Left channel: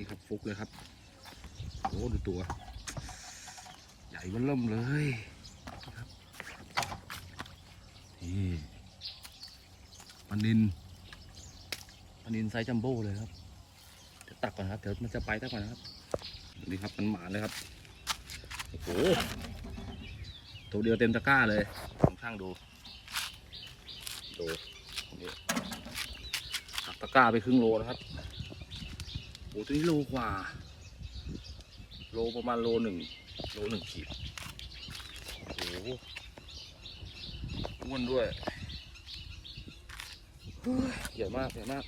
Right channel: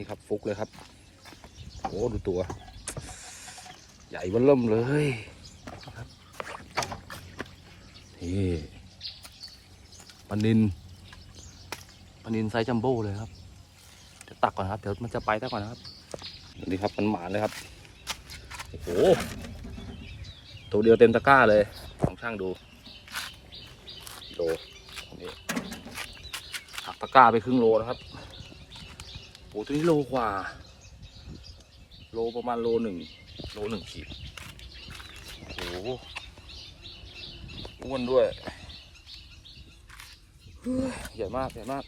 นี่ครับฟุกเลยครับโอ้ดูตัว ใหญ่บ้อเริ่มเลยนะครับนี่ปนินปนินไซส์จัมโบ้เลยครับเดี๋ยวตักก่อนครับเดี๋ยวมันจะไปตักก่อนนะครับนี่ครับมันหมาเลยครับโอ้โหตัวเดียวเต็มตะกร้าเลยลองช่างดูโลนี่หักตะกร้าไปครึ่งโลนะครับ โอ้ตัวนี้โลกว่า โลประมาณโลหนึ่งโลหนึ่งขีดโอ้อ้วนด้วยเฮ้ยใหญ่มากใหญ่มาก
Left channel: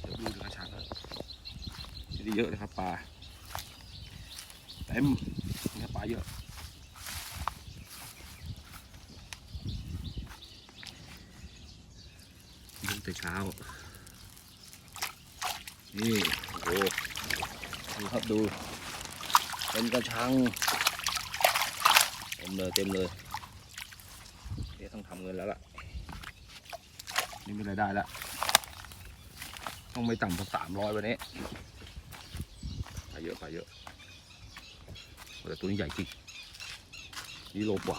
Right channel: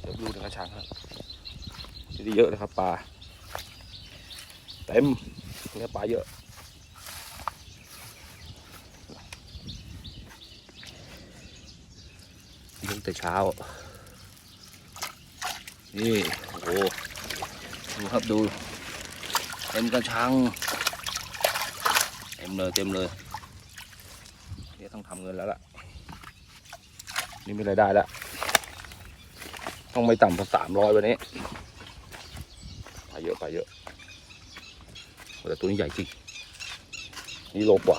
เดี๋ยวดูในกระชังครับจะได้เยอะนะครับปลาเต็มเนี่ยปลาเยอะลุกแต่เช้า นี่ หดูครับดูเต็มกระชังเต็มเลยเต็มเลยนี่ต้องทำเงินแล้วล่ะ นี่ไม่รายได้แล้ว ต้องไม่ต่ำกว่าสามร้อยวันนี้ไปเยอะไปเยอะแต่ตัวนี้ใหญ่จริงนี่โลกว่า